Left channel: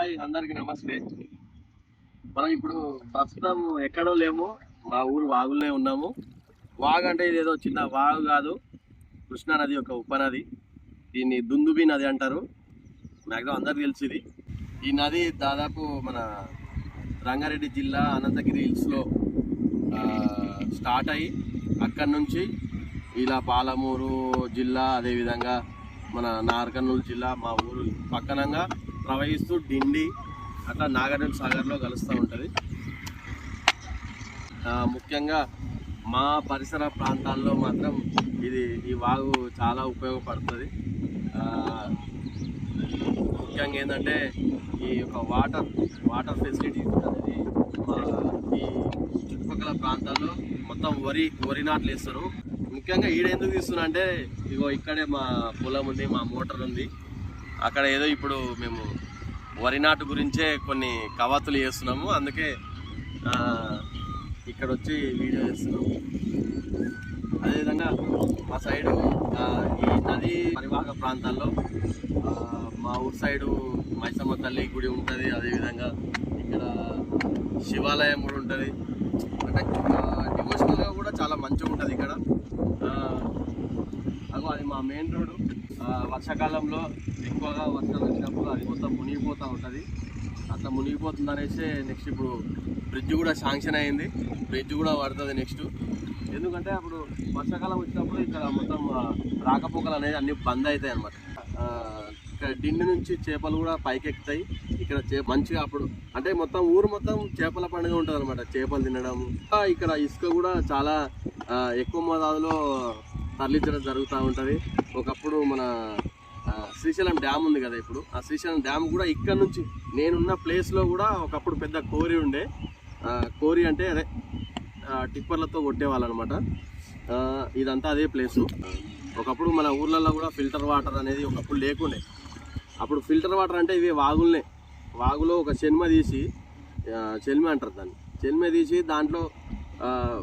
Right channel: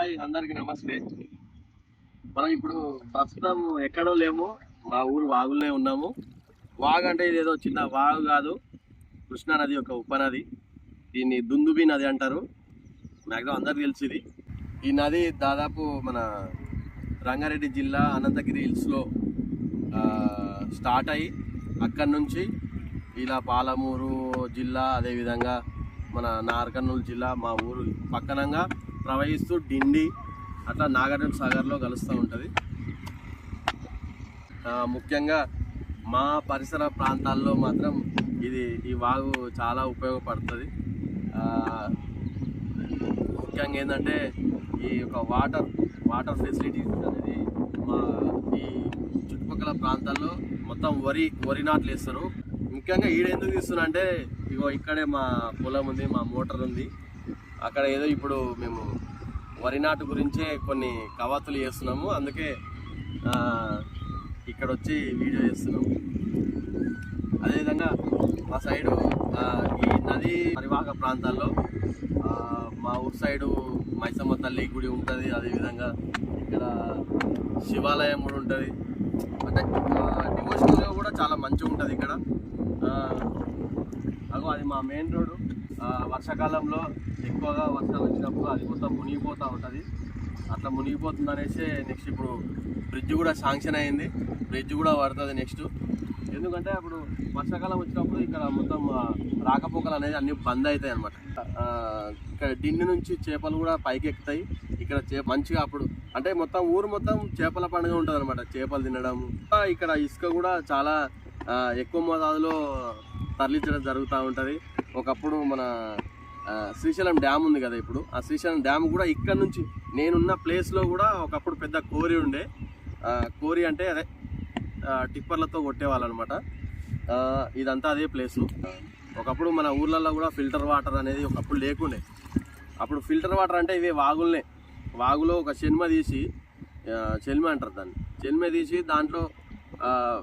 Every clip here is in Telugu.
హాయ్ అందరికి నమస్తే. మనం ఇప్పుడు ప్రస్తుతం ఎక్కడో లేము, మా ఊరు వాగులనే ఉన్నాము. వాగు అంటే ఇదేదో చిన్న వాగు కాదు, కృష్ణా నది యొక్క ఉపనది. దీన్ని దుందుబి నది అంటారు. మ్యాక్సిమం అందరికి తెలిసి ఇది. ఈ నది దాదాపు మన రంగారెడ్డి జిల్లా అనంతగిరి హిల్స్లో స్టార్ట్ అయ్యి అక్కడి నుంచి ఇలా పాలమూరు జిల్లా, అదేవిధంగా మన నార్కర్నూలు జిల్లా మా ఊరు పక్కనంగా ప్రవహిస్తూ డిండి అట్లా నాగార్జున సాగర్లో కలుస్తూ ఉంటుంది. ముఖ్యంగా మా పరిసర ప్రాంతాల్లో మాత్రం ఈ వాగు చాలా ఉపయోగపడుతుంది. ముఖ్యంగా ఏంటంటే ఈ యొక్క వాటర్ ఫెసిలిటీ అనేది మా ఈ చుట్టుపక్కల ప్రాంతాల్లో మొత్తం వరి నాట్లు వేస్తారు. ముఖ్యంగా ఎందుకు తీస్తున్నా అంటే ఇగో ఇక్కడే మా పొలం ఉంది, మా మోటార్ ఉంది. అక్కడ ఏదో ఇప్పుడు మేము వరి నాటు గురించే కొన్ని కవాతులు చేస్తున్నాము, అందుకే ఇక్కడ వచ్చి వీడియో చేస్తున్నాము. అదేవిధంగా మా సైడు ఈ నదీ పరివాహక ప్రాంతాల్లో మా ఊరు సైడు మైసమ్మ తల్లి గుడి ఉంటుంది. అదేవిధంగా ఇక్కడ శివాలయం కూడా ఉంటుంది. అంటే డివోషనల్గా కూడా చాలా మంచిగా ఉంటుంది ఇక్కడ. అది మా మెయిన్ రోడ్డు. వర్షాకాలంలో ఎక్కువగా వర్షాలు వచ్చినప్పుడు అది మొత్తం మునిగిపోతూ ఉంటుంది. అట్లా మునిగిపోతుంది అనేసి నెక్స్ట్ ఇప్పుడు బ్రిడ్జ్ కూడా శాంక్షన్ అయింది, బ్రిడ్జ్ కూడా పడుతుంది నెక్స్ట్. ఎందుకంటే అప్పుడు వర్షాకాలం వచ్చినప్పుడు ఇక్కడ మొత్తం రాకపోకలు అనేది అన్ని బంద్ అవుతాయి అన్నమాట. ఇక్కడ డిండి నుంచి చేపలు కూడా పైకి ఎక్కుతాయి. ఇక్కడ మంచిగా అప్పుడు అంటే మొత్తం ఊరు మొత్తం చేపల పండుగ ఉంటుంది అనమాట, చేపలు తినడము. ఇక్కడ ఇసుక కూడా చాలా ఎక్కువ మోతాదులో తరలించడం జరుగుతూ ఉంటుంది. ఒకప్పుడు మన శ్రీశైలం డ్యామ్ ఉంది కదా, ఇప్పుడు ఆ శ్రీశైలం డ్యామ్ కూడా ఇక్కడ నుంచి నేనున్న ప్లేస్లో కూడా ఒకప్పుడు పెద్ద కోరి ఉండే. కోరి అంటే అదే టిప్పర్లతో కొట్టేవాళ్ళు అనమాట. ఇదంతా అదే ప్లేసు. ఒకప్పుడు మన ఊర్లలో కూడా ఫిల్టర్ వాటర్ అనేది ఒకప్పుడు లేకుండే. అప్పుడు ఫిల్టర్ వాటర్ అంటే ఇవే వాగులో ఒక చెన్మ తీసి, చెల్మ అంటారు దాన్ని, చెల్మ తీసి దాంట్లో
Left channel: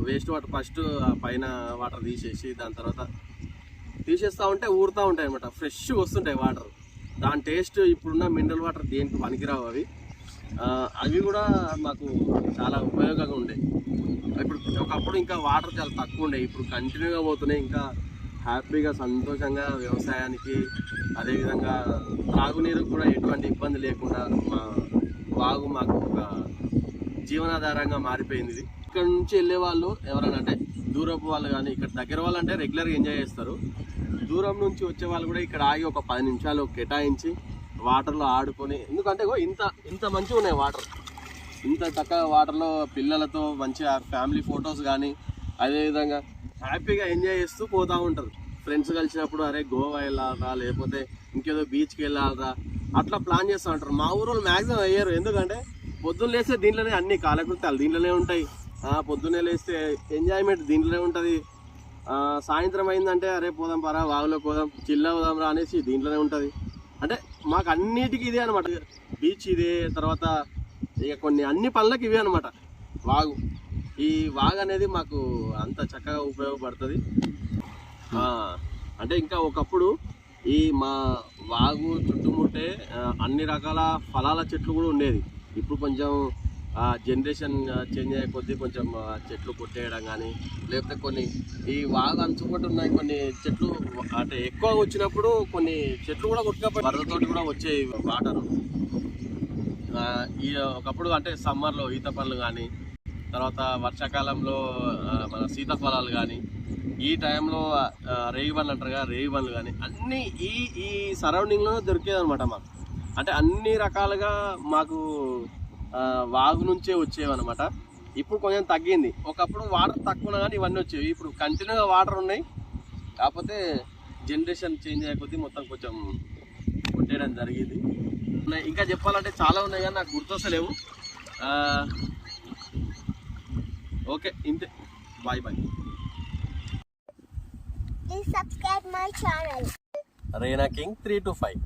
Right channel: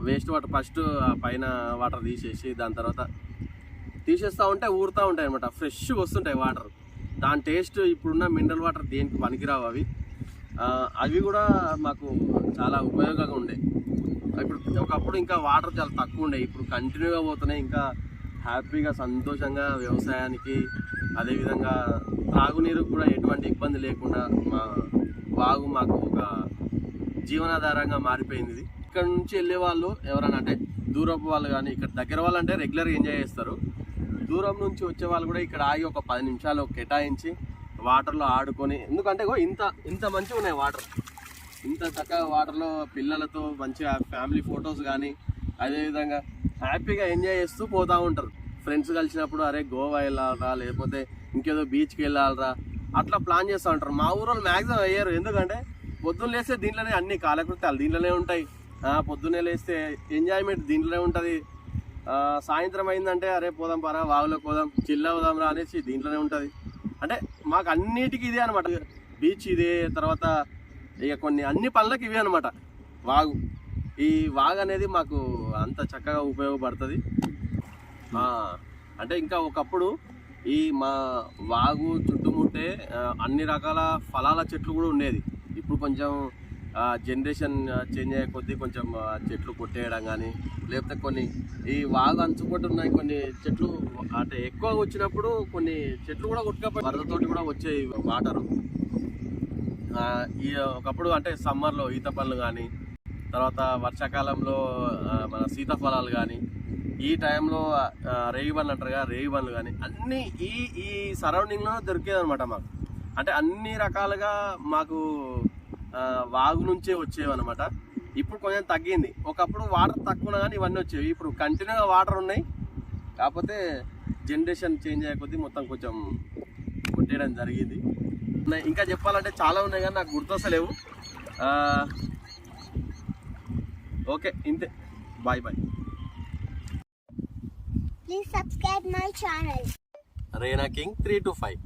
వేస్ట్ వాటర్ ఫస్ట్ పైన వాటర్ తీసేసి దాని తర్వాత తీసేస్తూ ఉంటే ఊరుతూ ఉంటాయి అనమాట. ఫ్రెష్గా వస్తుంటాయి వాటర్. దాని టేస్ట్ ఇప్పుడున్న మినరల్ వాటర్ దేనికి పనికిరావు. అవి కూడా మాకు చాలా ఉపయోగంగా ఉండేవి. ఇప్పుడు ఒకప్పుడు ఇంకా వాటర్ చాలా తక్కువ ఉండే, ఇప్పుడు కంటిన్యూగా పోతున్నాయి. ఇంకా హ్యాపీగా సంతోషంగా వ్యవసాయానికి, అదేవిధంగా త్రాగునీరు కూడా ఎటువంటి ఇబ్బంది లేకుండా మా వాగు మాకు ఒక జీవనాధారంగా మారిపోయింది. ఇక్కడ నుంచి వెళ్ళే వాళ్ళు ఎవరైనా అంటే దూరపు వాళ్ళు కానీ, ఇక్కడ దగ్గర వాళ్ళు అంటే రెగ్యులర్గా ఎంజాయ్ చేస్తారు. దూరం నుంచి వచ్చే వాళ్ళు కూడా ఇక్కడ ఆగి ఒక 10 నిమిషాలు కేటాయించి వాటర్లో ఆడుకొని, ఎందుకంటే ఇంత మంచిగా ఉన్నాయి వాటర్. ఇంత చక్కగా వాటర్లో పిల్లలతో మంచిగా ఫ్యామిలీ ఫొటోస్ కానీ, అదేవిధంగా హ్యాపీగా ఎంజాయ్ చేస్తూ పోతూ ఉంటారు. ఫ్రెండ్స్ కలిసినప్పుడు అరే గోవా వెళ్ళాలరా, లేకపోతే ఇంకేదో బీచ్కి వెళ్ళాలరా, అట్లా ప్లాన్ చేస్తూ ఉంటారు. మా ఊరు మ్యాక్సిమం అయ్యారు. ఎందుకంటే పొద్దున్న లేస్తే దీంట్లోనే అన్ని కాలకృత్యాలు దీంట్లోనే ఉంటాయి. పొద్దున్నే లేస్తే ఎంజాయ్మెంట్ దీంట్లోనే ఉంటుంది. సాయంత్రం అయిందంటే అరే పోదాం పరా వాగులో పోదాం, చిల్ అవుదాం రా అనేసి దీంట్లోనే ఉంటుంది. అంటే మాకు అన్నిటికీ ఇదే అనమాట. బీచ్ ఇదే, తర్వాత ఇక కొన్ని అన్ని పనులకు ఇవే అనమాట. ఈ వాగు అనేది మాకు అంత చక్కగా ఉపయోగపడుతుంది. అంటే ఇంకా ఒకప్పుడు మా వాగు చుట్టుముట్టే అన్ని రకాల ఫలాల చెట్లు కూడా ఉండేది. ఇప్పుడు కొంచెం జనరేషన్ చేంజ్ అయ్యే కొద్దీ కొంచెం చెట్లు కొట్టేయడం కానీ, లేకపోతే కొన్ని ఈ వాగు అంచుకుంటూ ఉన్నాయి కొన్ని చెట్లు. అంటే ఎక్కువ వచ్చినప్పుడు కొన్ని చెట్లు కూడా కొట్టుకపోయి వరదతో కూడా వచ్చాయి వాటరు. ఒకప్పుడు అంటే సమ్మర్లో ఈత పళ్ళు కానీ, తర్వాత వర్షాకాలంలో మన సీతాఫలాలు కానీ, ఈ టైంలో రేగి పండ్లు అంటారు కదా, రేగి పండ్లు కానీ అన్నీ ఈ సరౌండింగ్లోనే దొరికేది అనమాట మాకు. అంటే అన్ని రకాలుగా మాకు వాగు నుంచే వచ్చేవన్నమాట. ఇప్పుడు కొంచెం తగ్గింది. ఒకప్పుడు వాటర్ తక్కువ కానీ ఇవన్నీ వచ్చేవి. ఇప్పుడు కంటిన్యూగా వాటర్ ఉన్నాయి, కాకపోతే జనరేషన్ చేంజ్ అయ్యే కొద్దీ మొత్తం కొంచెం కొట్టేయడం జరిగింది. ఇంకా చెప్పాలంటే చాలా ఉన్నాయి కానీ నాకు గుర్తొస్తలేవు. ఓకే, ఇంతే. Bye. Please subscribe my channel. Reina King 3 to 5.